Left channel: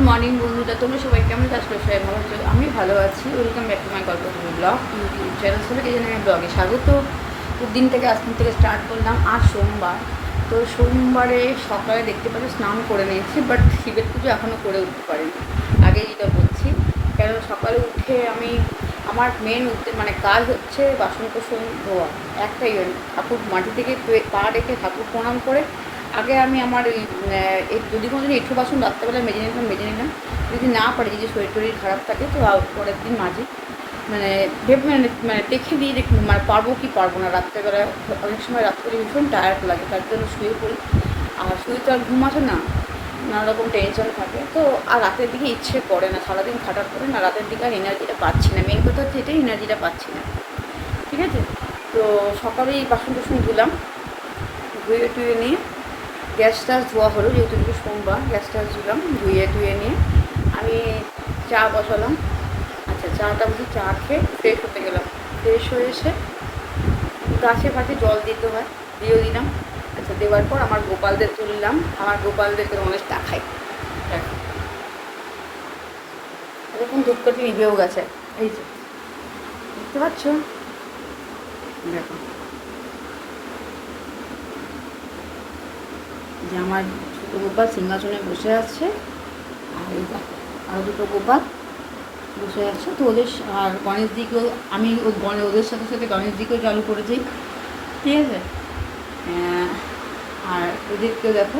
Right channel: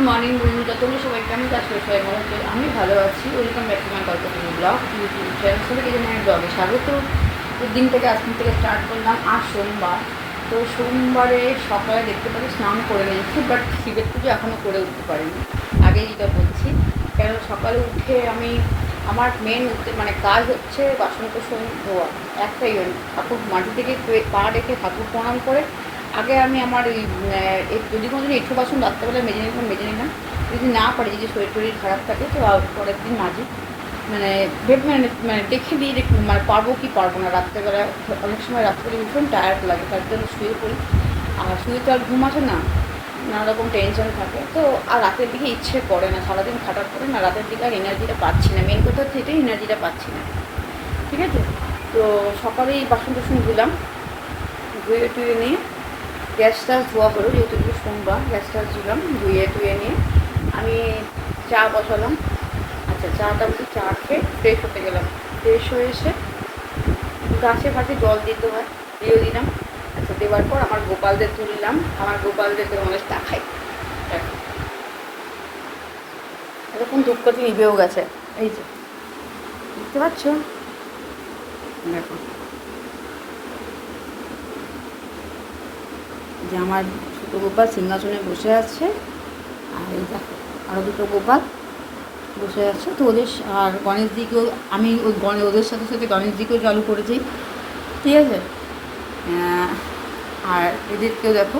Good morning বন্ধুরা, তোমরা সবাই কেমন আছো? সবাই ভালো আছো? আমি ভালো আছি। Welcome back to my Kalpataru blog YouTube channel. সবাইকে জানাই আমি ব্লগে স্বাগত। তো দিনটাকে আজকে থেকে স্টার্ট করলাম। আজ সোমবার। তো সোমবারে সকালে দেখতে পাচ্ছি স্নান করে নিয়েছি, বাট শিবের পুজো এখনও করে উঠতে পারিনি। আগেই যেটা বলছি, কেন সকালে উঠে আমি আমার মেন মানে কাজ হচ্ছে বাসন কোসন ধোয়া। একটাই ঠাকুর মাটি থেকে পা রেখে ঠাকুর প্রণাম করে আগে আমি আমার এই যদি কোনো দিন এঁঠো বাসন রাত্রেবেলা মেজে নিলাম। যদি না পারি, যদি শরীর টরীর খারাপ থাকে তো পরের দিন মাঝি মানে ভেবে মানে দেখে দিয়ে মানে পারবো কি পারবো না। রাত্রেবেলা অনেক সময় রাত্রে ভীষণ টায়ার্ড লাগে, তার জন্য শুয়ে পড়ি। আর শুয়ে তো আর ঘুম আসে না, নানা রকম টেনশন থাকে। তো আর রাতের দিকে ইচ্ছে করে না, সারাদিন খাটার করে না, রাতের দিকে আর এনার্জিটা পাচ্ছি না। মেন কথা হচ্ছে এটাই, এনার্জিটা পাচ্ছি না। ঠিক আছে, তো সকালেই বাসন টাসন ধুলাম, ধুয়ে টুয়ে নিয়ে গ্যাস টাস ধোয়া হলো, যেহেতু সোমবার গ্যাস টাস ধুলাম, ধুয়ে টুয়ে নিয়ে আমি চা বসালাম। আচ্ছা, চাটা বসে চা খেয়ে ফ্রেশ হতে গেলাম। ফ্রেশ হয়ে এসে গাছে ফাঁসে জল দিতে হয়, দিয়ে দিলাম। আচ্ছা, দেওয়ার পর আমার গোপালদের তুললাম। আমার গোপালদেরকে অনেক দেখাই। এরকম ধূপকাঠি নিভেও গেছে, এই যে বুঝতে পারছো। দেখো যে আমার ছোটো গোপাল সিংহাসনে বসে আছে, আর এই দেখো আরও দুটো গোপাল বসে আছে। তো ওদের আর গণেশজিকেও আমি ওদের সাথে সাথে গণেশজিকেও চালু করেছি। ঠিক আছে, আর এদেরকেও দেখো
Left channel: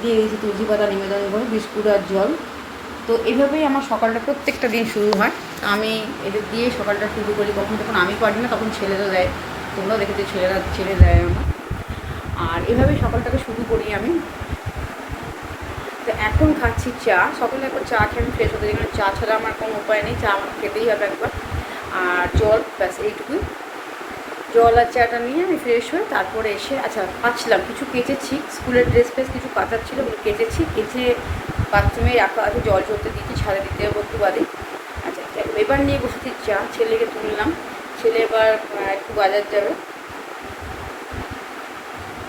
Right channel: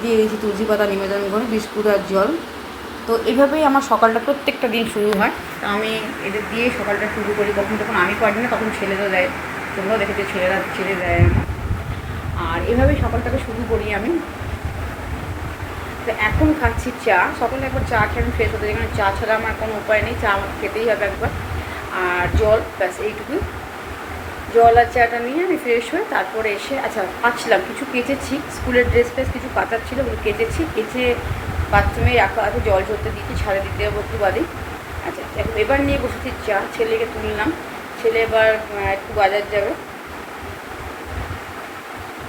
দিয়ে দিয়েছি তুলসী পাতা নিবেদন করে, বিস্কুট আর জল। তো এইভাবেই আমার সকালটা প্রত্যেকটা দিন শুরু হয়। তো আমি এদের দিয়ে সকালটা শুরু করি। কখন যখন আমি পারি না তখন ছেলেরা দেয়, তোমরাও দেখেছো ছেলেরা ছেড়ে দেয় আমার। আর এভাবেই সকালটাকে শুরু করি আমি। তো এখন খাচ্ছি চা। সকালে একবার চা খেয়ে আমি ফ্রেশ হতে যাই, কারণ চা ছাড়া আমার কোনো উপায় নেই, চা আমাকে খেতেই হবে একবার। আর জল, ব্যাস এইটুকুই। জল আর চাটা নিয়ে আমি ফ্রেশ হয়ে তারপরে এসে আচ্ছা পাচ্ছিলাম কিছু কেচেছি, স্কুলের ড্রেস ফ্রেস কিছু কাটার ছিল, ওগুলো কেচেছি। কেচে বাথরুমে রাখা আছে, জল ঝরতে দিচ্ছি, ছাড়ে দিতে হবে একটু বাদে। আচ্ছা, এবার নিয়ে বসেছি চা। ছেলেকে তুললাম, ছেলে এবার একটু বাজার যাবে,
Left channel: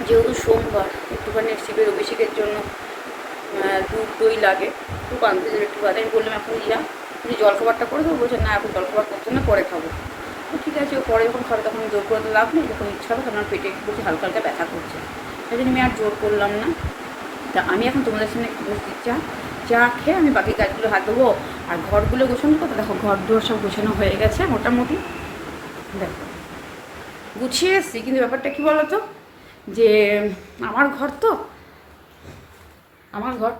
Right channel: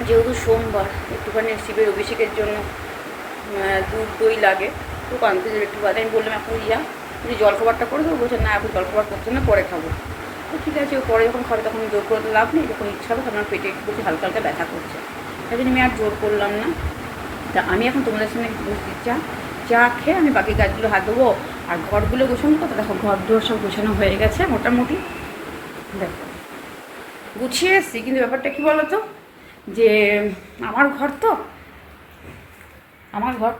যেহেতু সোমবার একটুখানি শিবের অভিষেকের জন্য দুধ দই লাগে, একটু আনতে যাবে একটু বাদে। আমি বললাম এখন তুমি জলখাবারটা করে দেবো। বলছে না, এখন জলখাবার করতে না, পরে খাবো। তো ঠিক আছে, ও পরে যখন খাবে তখন জোর করে লাভ নেই, যখন ইচ্ছা হবে তখন আমার পেটে একটু হালকা হালকা ব্যথা করছে, তাই জন্য আমি আর জোর করলাম না। তা আমি এখন তোমাদের সামনে বসছি চা খেয়ে আমি বাকি কাজগুলো হাত দেবো। আর ঘরগুলো গোছানো করতে দেখো, ঘর দুয়ার সব গোছানো হয়ে গেছে মোটামুটি। দেখো গুছিয়ে এসছি, কিন্তু ব্যাপারটা কী বলো তো, যে আমার ঘর তো আমার ঘর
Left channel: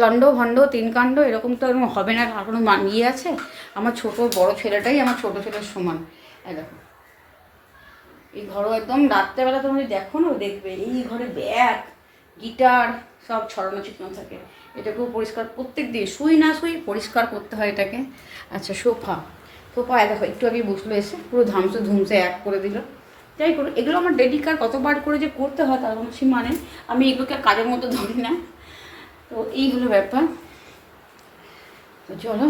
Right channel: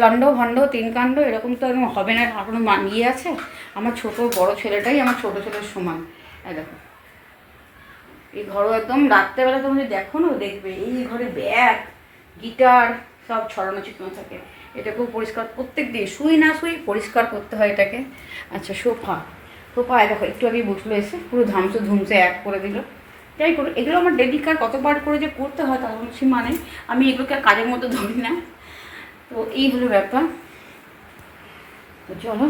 লন্ড ভণ্ড তিন কাণ্ড এরকম তো এরকম হবে না, এখনও মানিয়ে আছে। আমার ছোট বড় ছেলেটাই আমার ছোট ছেলের সমান। দেখো এই ঘরও একদম রাত্রেবেলা তোমরা যদি দেখো না, দেখবে এই ঘরে ব্যাগ গিটার সব ছড়ানো ছিটানো থাকে। এটাকেও পরিষ্কার প্রত্যেক দিন শুই না শুই পরিষ্কার করতে হয় এটাকে। আচ্ছা, সোফা দেখো একটু আগে বসলো এসে, পুরো ধুমসে এক করে দিল। যাই করো, এগুলো আমার ডেলি কার কতবার করে যে করতে হয় তার কোনো সীমা নেই। আমি এগুলোকে কাজের মতো ধরি না। তো এই হলো ব্যাপার। তো চলো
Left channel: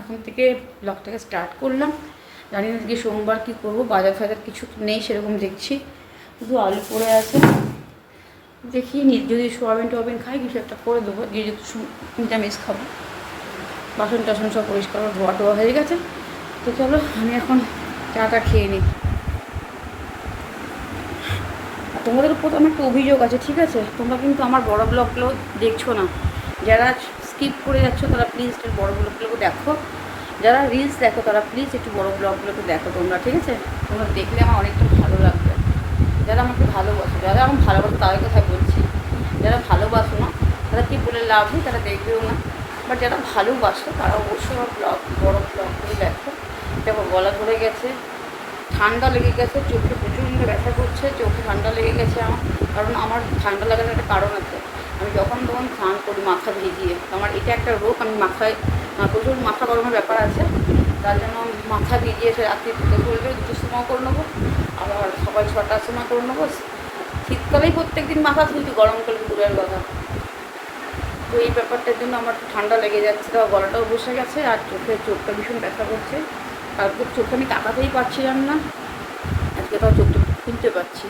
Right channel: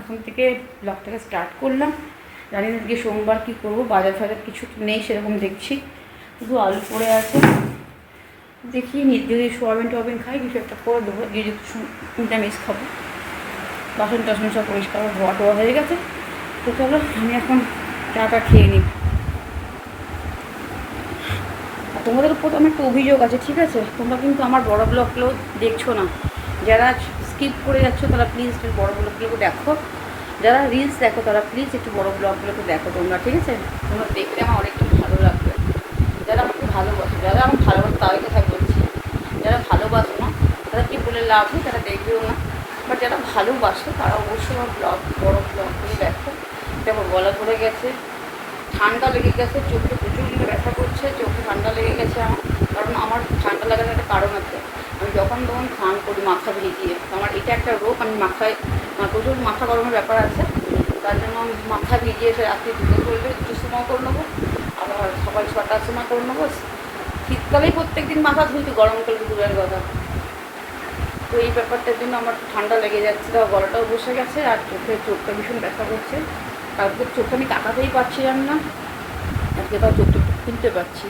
এখন থেকে ব্লগটাকে স্টার্ট করলাম। জানি না আজকে সোমবার কী করবো, বাজার ফাজার কিছু নেই সেরকম দেখছি, শুধু আলু পড়ে আছে। দেখি যদি সোয়াবিন টোয়াবিন খাই কিছু একটা করে দেবো, গিয়ে যেহেতু নিরামিষ খাবো। বাসন টাসন সব পরিষ্কার ধোয়া টোয়া হয়ে গেছে। তো চলো আমি এখন চাটা খেয়ে নিই। আর তোমাদের উপর আমার একটা অভিযোগ আছে, ঠিক আছে? তোমরা কিন্তু আমার বড় ব্লগগুলো দেখছো না। যারা স্কিপ করে যাচ্ছ তারা প্লিজ একটু বড় ব্লগগুলোকে দেখো। যারা রিলস দেখো তারা প্লিজ একটু বড় ব্লগগুলোকে দেখো তোমরা, ঠিক আছে? তোমরা দেখলে আমার অনেকটা ভালো লাগবে। যারা আমাকে ভালোবাসো, যারা আমার ভালোবাসো তাদের কথা বলছি। যারা ভালোবাসো না তারা কি বলে লাভ নেই, তারা দেখবেও না। বাট যারা ভালোবাসো তারা অবশ্যই আমার বড় ব্লগগুলো দেখো। দেখো গলা ধরে গেছে, ঠান্ডা লেগে গেছে, চোখে প্রচণ্ড ব্যথা করছে, চোখে ঠান্ডা লেগে গেছে আমার। কারণ আমার ঠান্ডা লাগার একটা কারণ আছে, আমি যখন তখন স্নান করি মাথা ভিজিয়ে। তো আমার এটা একটা রোগ, আমি মাথায় প্রচুর মাথা গরমের ব্যাপার আছে, তার জন্য মাথা ভিজিয়ে এসে রাত্রি দুটোর সময় করে নেবো, আবার সকাল 6টার সময় করে নেবো। শীতকালেই প্রত্যেক দিন মাথা ধুলছি, গরমকালে দূরের কথা। তো এই ব্যাপারটার জন্য আমার একটু ঠান্ডা লেগে যাচ্ছে, তো গলাটাও বসে গেছে, আর চোখটা ভীষণ ব্যথা করছে। কালকে চোখটা আমি তাকাতেই পারছিলাম না, আজকে তাও চোখটা খুলতে পারছি।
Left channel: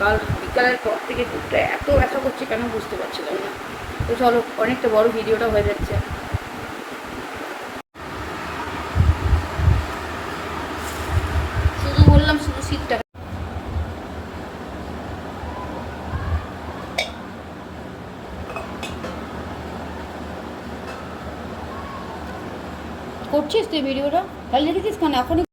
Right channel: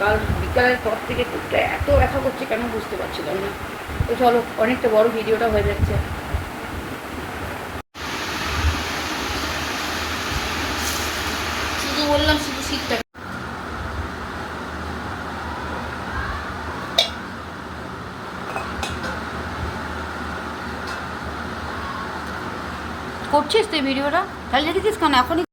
কাল বিকালের পর থেকে চোখটা এত ব্যথা করছে কেন বুঝতে পারছিলাম না। তো চলো, অনেকটা বড় ভিডিওটা হয়ে যাচ্ছে। শুধু বললাম শুধু শীতটা করছিস তুই ভিডিওটা, তাহলে দেখেছিস কেন এখনই?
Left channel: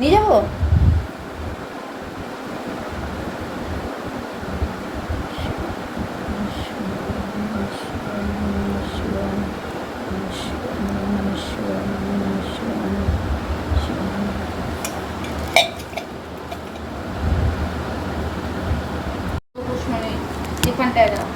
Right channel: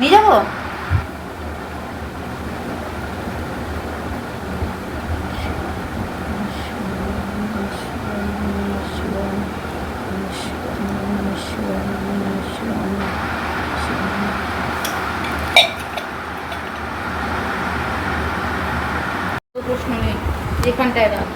নিয়ে যাবো। প্রশ্ন নেই এখানটায় রাখ।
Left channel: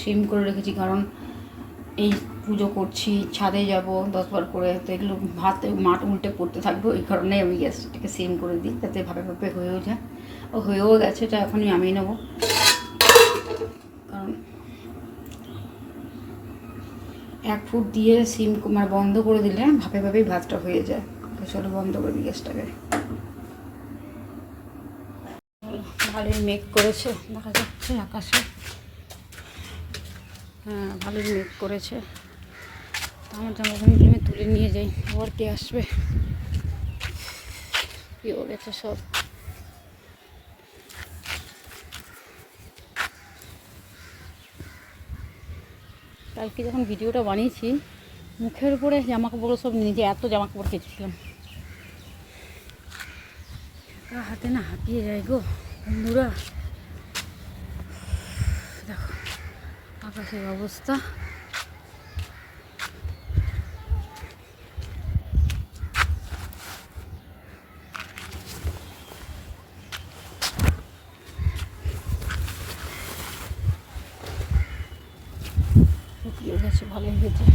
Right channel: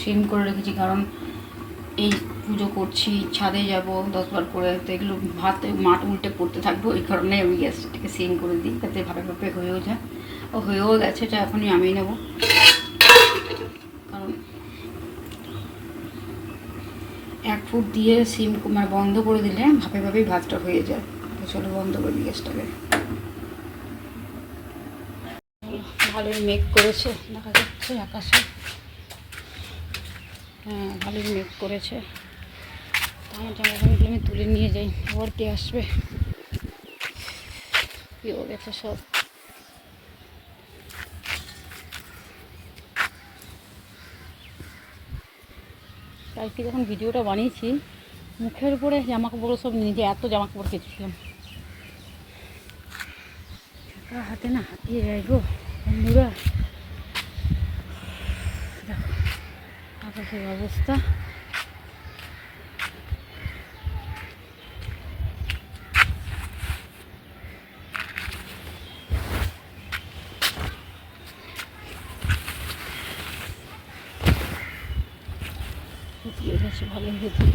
সিম করে রেখেছি, কারণ এই পুজো করছি, ছাদে যাব 10 বার করে, তো এগুলো ভাত মাঠ উল্টে পড়তে থাকবো, এই কারণে আমি গ্যাসটাকে সিম করে দিই, যাতে ভাপে ভাপে হয়েও যায়। ও হয়েও গেছে, এটা এখনই আমি নেবো, কারণ 1 ফুট দিয়ে সিম মানে বন্ধ করে দিলে ভাপে ভাবেই ভাতটা হয়ে যায়। তো চলো বন্ধ করে দিই গ্যাসটাকে। ভালোই মেঘ করেছে, দেখা যাচ্ছে আকাশে। হ্যাঁ, ভালোই মেঘ করেছে। আমার জামাকাপড় আমি তুলে নিয়ে যাই, আবার কে আসবে, কি হয়ে গেছে সব। কালকে যখন ভিডিওটা বানিয়েছি, মুখের উপরে জামাকাপড় সব নিজে এত জামাকাপড় কেচেছিলাম, হাতে না হাঁপিয়ে যায় গো বন্ধুরা। দেখো আকাশের অবস্থা। শুকিয়ে গেছে ভালোই হয়েছে।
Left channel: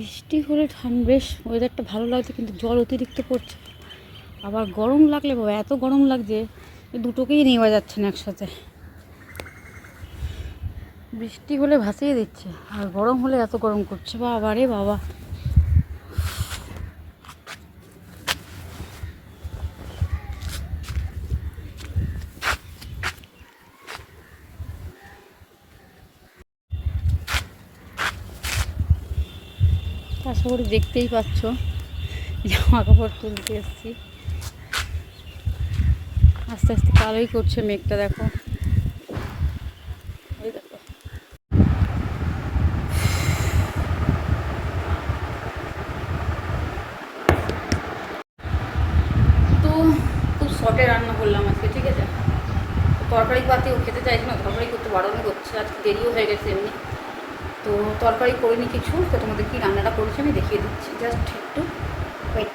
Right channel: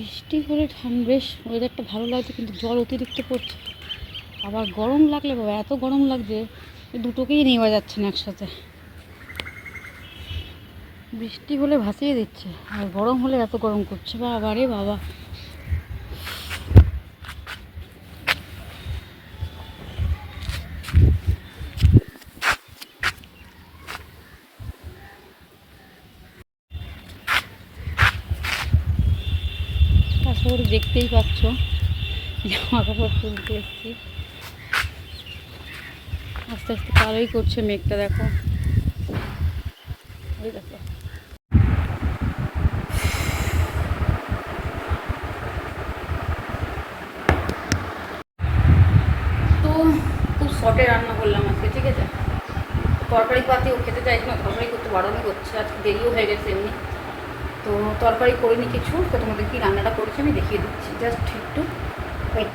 বৃষ্টি হলে বেশ ওয়েদারটা ভালো লাগছে, কিন্তু জল অতিরিক্ত পড়ছে। আবার গরম লাগলে বাবা এত গরম লাগছে, দুটোকেই নেওয়া যাচ্ছে না একসাথে। বৃষ্টি হলে ভাসিয়ে দিচ্ছে, আর গরম হলে এত গরম করছে, বাবা রে বাবা। আশা করি দেখতেই পাচ্ছ জামা কাপড় তুলতে এসেছি। আস্তে আস্তে কালোই করছে মেঘটা, দেখো ওই দেখো। তো খুব শর্টে রান্না করলাম আজকে, ঠিক আছে। তরকারি পাতিও খেতে চাইছে না, তরকারি করতে বারণই করছে, আজকে দেরিও হয়ে গেছে এমনি। তো তরকারি করিনি কিছু, তো তোমাদের কি রান্নাটা করেছি আমি দেখিয়ে দিচ্ছি, জাস্ট একটু ওয়েট।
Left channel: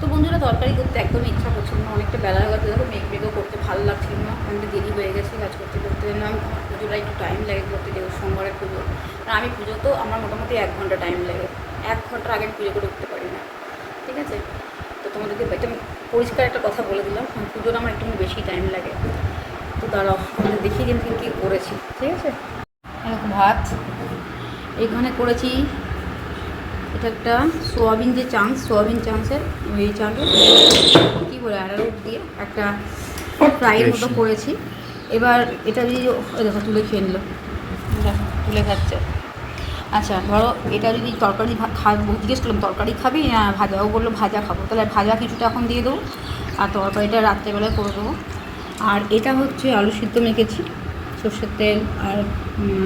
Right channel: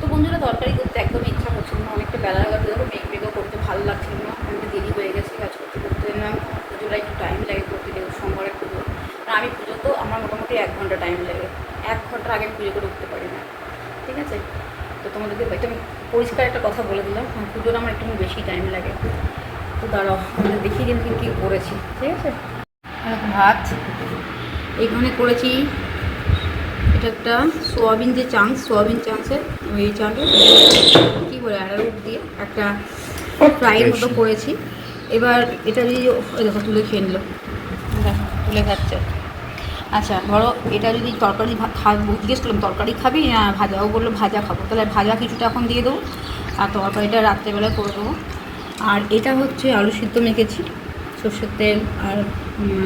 তো বন্ধুরা তরকারি করতে একদমই ইচ্ছা করছিল না, অনেকটা বেলা হয়ে গেছে, দেখো মেঘ মেঘও করতে ভালো লাগছিল না, অনেকটা দেরি হয়ে গেছে কাজ করতে করতে। আমি পুজোটা একটু টাইম লাগে করতে, যেহেতু সোমবারের পুজো। আর আমি পুজো তো আমার মোটামুটি 1 ঘন্টা টাইম লাগে, 1 ঘন্টার আগে আমি পুজো করে উঠতে পারি না, ঠিক আছে। তো তোমাদেরকে একটা পরিষ্কার একটা কথা বলে দিলাম, পুজোটা আমার একটু বেশি টাইম লাগে। তো দাঁড়াও আমাদের দেখিয়ে দিন কী কী করেছি, ঠিক আছে। ভাত এইখানে করেছি, এটা একটা সোয়াবিন যে চাংস, সোয়াবিন চাংসের ওই চাংসের কী বলে অ্যারারুট দিয়ে একটা ফ্রাইয়ের মতো করেছি। এবার এটা যদি ওই দেখো তুলে খেয়ে নিল, দেখো তুলে খাচ্ছে। আচ্ছা ধরো এটা যদি তরকারি খাবো, জিজ্ঞেস করলাম তরকারি খাবি না ভাজা, ও বললো ভাজা খাবো, তাহলে ভাজা কিছুটা এখন দিয়ে দেবো, আর তরকারিটা রাত্রেবেলায় করে দেবো। আর এটা হচ্ছে আলু সিদ্ধ মেখেছি সর্ষের তেল আর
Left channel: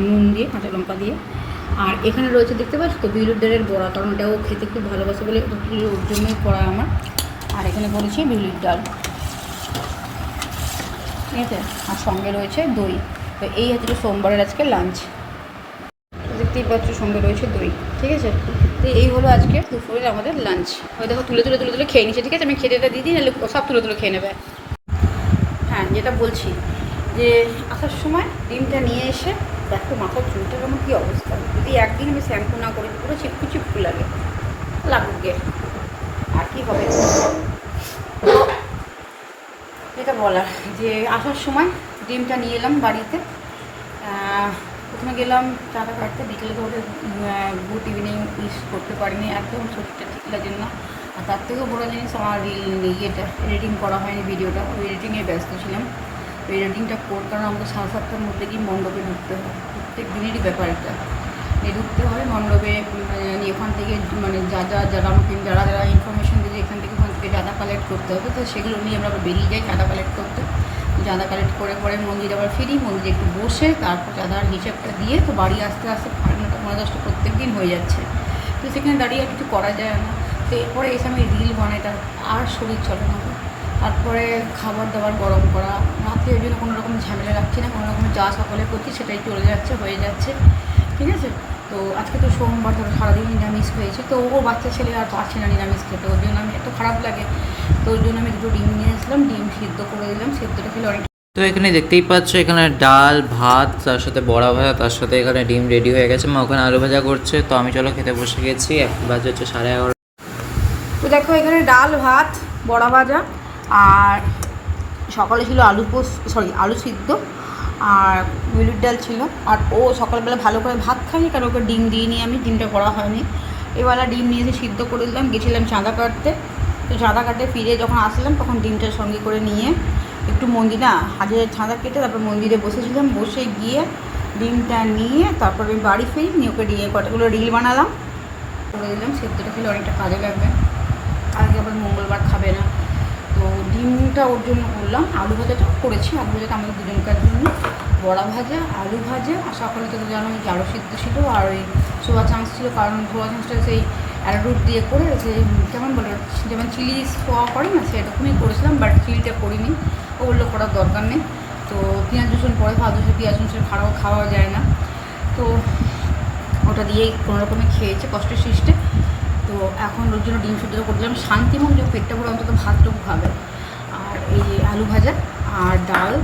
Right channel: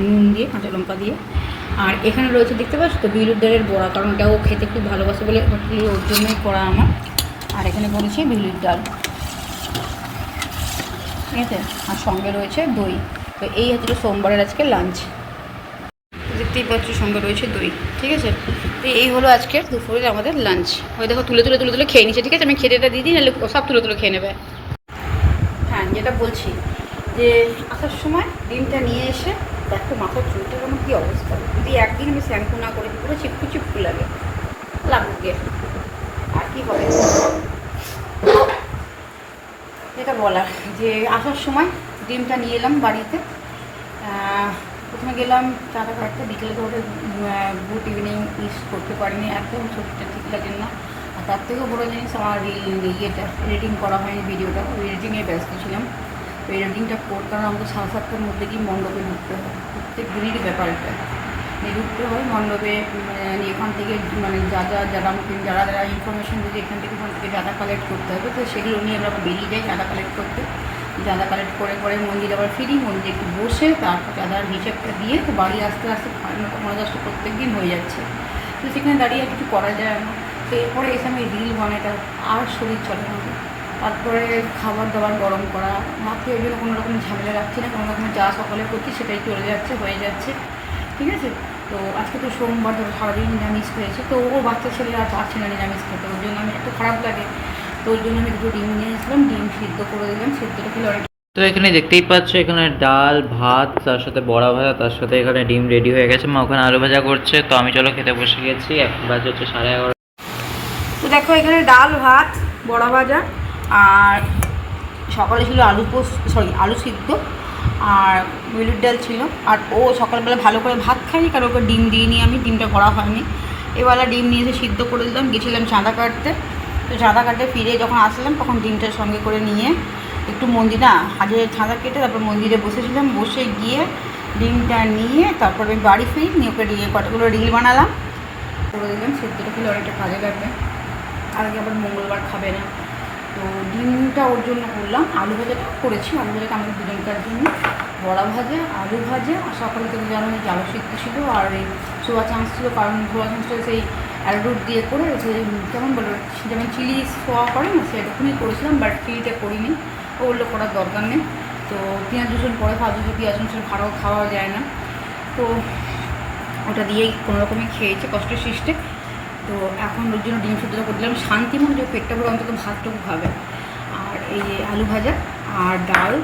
নুন দিয়ে, কাঁচা লঙ্কা দিয়ে। আর এখানে রয়েছে দেখতে পাচ্ছ তো বিউলির ডালের বড়া, কারণ এটাও খেতে খুব ভালোবাসে বলে ওর জন্যই করা আমার। আর এখানে করেছি বিউলির ডাল, ঠিক আছে। আর সঙ্গে রয়েছে দই। তো এই হচ্ছে সোমবারের আজকে লাঞ্চ, দেখতেই পাচ্ছ সঙ্গে রয়েছে দই, ঠিক আছে। তো এই হলো আজকের দুপুরের আমাদের লাঞ্চ। ওই দেখো তুলে তুলে তুলে তুলে খেয়ে নিচ্ছে, ঠিক আছে। আমি খেতে দিয়ে দিই, নাহলে সব তুলে তুলে খেয়ে নেবে। হ্যাঁ যেটা বলছি যে আসার সময় ডিমটা নিয়ে এসে দেখো মাথার চুলটা আমার কী অবস্থা। যদি একদিন আমি শ্যাম্পু না করেছি পুরো চিপকু চিপকু লাগে, লাগুক গে আর কি হবে। যেটা বলার যে আসার সময় ডিমটা নিয়ে এলাম বাড়িতে। প্রথমে গেলাম চাটা কাটতে, বিকেলে ধরে গুড ইভিনিং ইউজ করতে পারিনি, একদম শরীরটা ঠিক লাগে না। আর তার থেকেও বড়ো জিনিস আমার ইয়েটা এডিটিং করা হয়নি, ভিডিওটা ওই এডিটিংয়ে ব্যস্ত ছিলাম। ওই এডিটিংটা কারণ আমাকে 7:30টার মধ্যে গিয়ে মণ্ডপে ঢুকতে হয়, প্রত্যেক দিনেরই ব্যাপার এটা। ঢুকতে হয় মণ্ডপে, এখান থেকে মানে যারা আমাকে যারা ইনফরমেশন দিয়েছে এখান থেকে ওখান থেকে চাঁদা কালেক্ট করতে হবে, তো সেগুলো নিয়ে আমরা বেরিয়ে যাই চাঁদা কালেক্ট করতে। চাঁদা কালেক্ট করে পরে মন্দিরে আবার ফিরি, মন্দিরে একটু বসে তারপর চাঁদার হিসেবটা দিয়ে তো বাড়ি আসতে আসতে 9:30 10টা প্রত্যেক দিন হয়ে যাচ্ছে। তো সেখানে দাঁড়িয়ে আর কিছু করা যায় না। তো এরপরে এসে আমি রিল বানাই, তার আর শরীর চলে না। তারপরে খাবার দাবার গরম করা, রাতে ওই জন্য কোনো রকম ঝামেলা রাখছি না, কোনো রকমের যা সকালে করছি সেটাই চলে যাচ্ছে, হয়ে যাচ্ছে, ঠিক আছে। তো আজকে তো সোমবার, ধরো সারাদিন নিরামিষ হয়েছে, তো ও বাচ্চা ছেলে আর পারছে না নিরামিষ খেতে, ওর জন্য আমি এত খারাপ লাগে। তো ওই জন্য আমি 2টো ডিম নিয়ে আসলাম, ডিম সিদ্ধ করে দিলাম, সিদ্ধটা খেলে অনেক। তো এখানে দেখতেই পাচ্ছ, এখানে ডাল ভাত, তার সাথে বড়া ভাজা, তার সাথে এখানে ডিম রেডি হয়ে গেছে। মা ওখানে আলু ভাজা করছে। তো আমি চলো খেতে বসে গেছি। এখন বাজে হচ্ছে 11:30। তো দেখো এখানে ডাল ভাত বড়া ভাজা, আর সকালে ছিল আলু সিদ্ধ আর বিউলির ডাল ছিল। আর ও সকালবেলা ভালো করে ভাত খায়নি, কারণ ওকে ডিম দিইনি, আমি ডিমটা করা হয়নি। এবেলা ডিম নিয়ে এসে সিদ্ধ করে দিলাম, গেছিলাম চাঁদা কাটতে। তো চাঁদা কাটতে ফিরে যখন আসলাম তখন ডিমটার সঙ্গে করে নিয়ে একটু হাজারের চাঁদা কেটে তারপর মন্দিরে বসেছিলাম, বসে গিয়ে ডিমটা নিয়ে তারপর আমি বাড়ি ফিরি, নিয়ে ওকে কতগুলো রিল বানালাম, করে দিলাম। সিদ্ধটা খেলে অনেকটা কাজে লাগবে, আজকে আবার মঙ্গলবার খাবে না। তো ডিমটা ওর জন্য করলাম, আলু ভাজাটা করেছি, আলু ভাজাটা আমাদের দুজনকার জন্য। বড়া ভাজা, আলু ভাজা, আর সকালে তো জানো যে আলু সিদ্ধ ছিল, আর ওই সোয়া চান্স ছিল, কারণ সোয়া চান্সটা সেই অ্যারোরুট দিয়ে করে, সেই কেমন বলো যেমন চিলি সোয়া করে না, সেরকমই করেছিলাম, বাট চিলিটা করিনি, ও বললো করার দরকার নেই। তো পেঁয়াজ রসুন পরে খাওয়া যায়, পেঁয়াজ রসুন খাওয়া যায় না, তো ওটা দিয়েই কোনো রকমে খেয়েছে কষ্ট সৃষ্টে। তো এখন ওর জন্য ডিম সিদ্ধটা করে দিলাম, শান্তি মনে যে পেটটা ভরে অন্তত ভাতটুকু খাবে। আর এই যে আলু ভাজা আর ডাল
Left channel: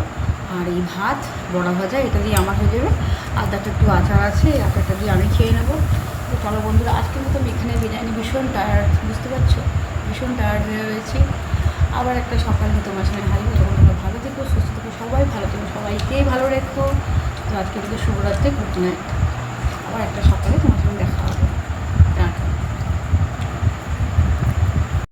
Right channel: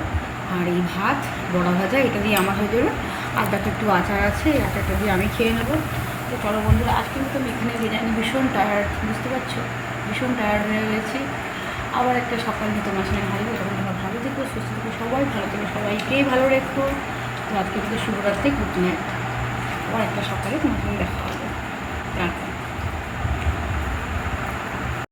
আর এই ভাত বড়া ভাজা, এটা দিয়ে আমার হয়ে যাবে। আর তাতে একটু আচার আছে, এই আচারটা দিয়ে আমি খেয়ে নেবো। তো চলো বন্ধুরা, আজকে মতো আমি এখানে জানি ভীষণ টায়ার্ড, বুঝতে পারছো, ভীষণ টায়ার্ড হয়ে রয়েছি। আবার একটা সকাল নিয়ে তোমার সঙ্গে হারিয়ে, তখন তোমরা ভালো থেকো, সুস্থ থেকো, সবাই ভালো থেকো, সবাইকেই ভালো রেখো। তো আজকে কিন্তু শুভরাত্রি, গুড নাইট। আবার একটা সকালে তোমার সঙ্গে দেখা